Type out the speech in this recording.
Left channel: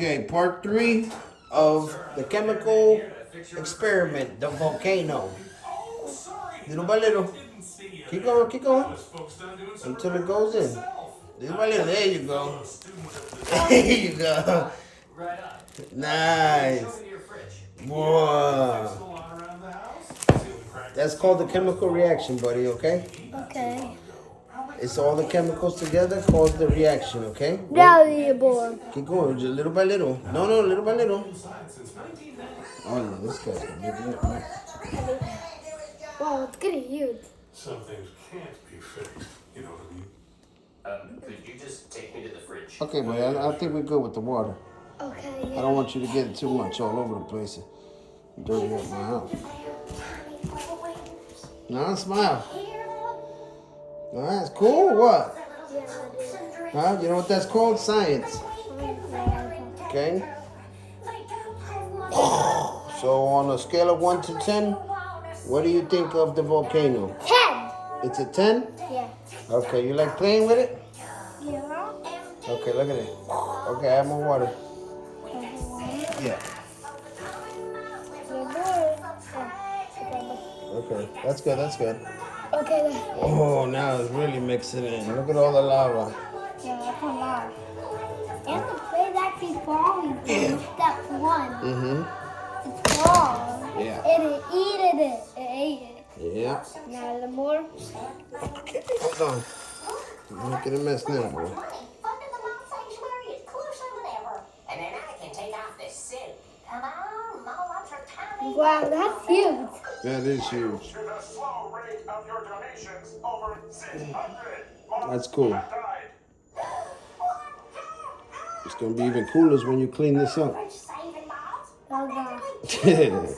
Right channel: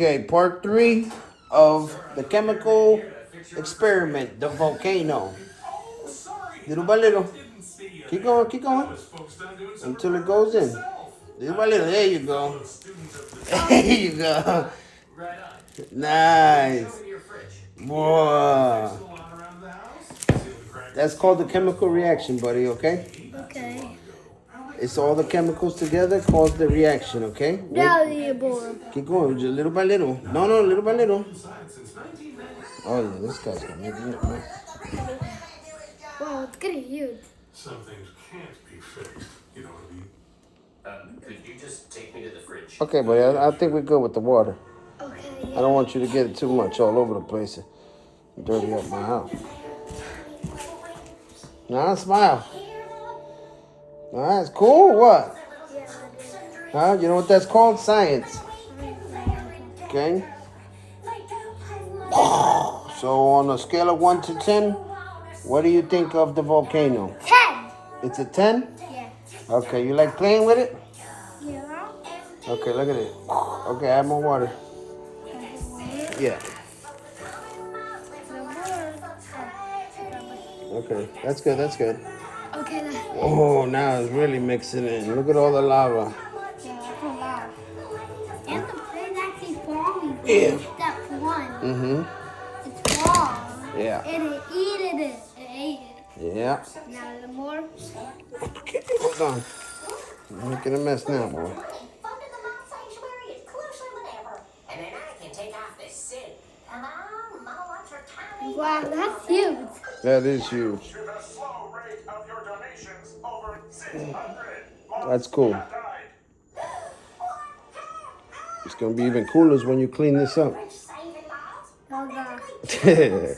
Okay, part 3 of the chemical experiment, the volcano. Little by little. Keep going. Until it goes in. Little by little. There you go. There you go. Nice. Whoa. That's called the chemical reaction, buddy, okay? Okay. It's all the chemicals together cause the reaction, okay? Now you're bored. Keep going, just little by little. No, little by little. Oh, yeah, this guy's gonna make it up, man. Wow, it's getting huge. Some things can't be fixed. You know what I mean? Could you just take me to the fridge? Okay, buddy, I think we're good with the water. Okay. I don't want you to get it too much all over the place and dirty up my house. Now smile. All right, it's cool. What? Huh? You know what that's called? Science. Okay. So on a scale of 1 to 10, what do you think of the volcano? 10. It's a 10? Yeah. Okay, you like playing with it? Yeah. Okay, look at it. Okay, add more water. Yeah. Okay, that's good, that's good. Okay. Oh, now it's really mixing in. Look at all the lava. And the plate actually falling. Yeah. Step 1. Mm-hmm. It's wrong. Yeah. And it ate it. It ate it. Yeah. Now the more. Okay, hold on. I'm making a mess now, boy. Wow, that's huge. That is huge. That's cool. It's gonna be even cooler when you clean this up. Okay.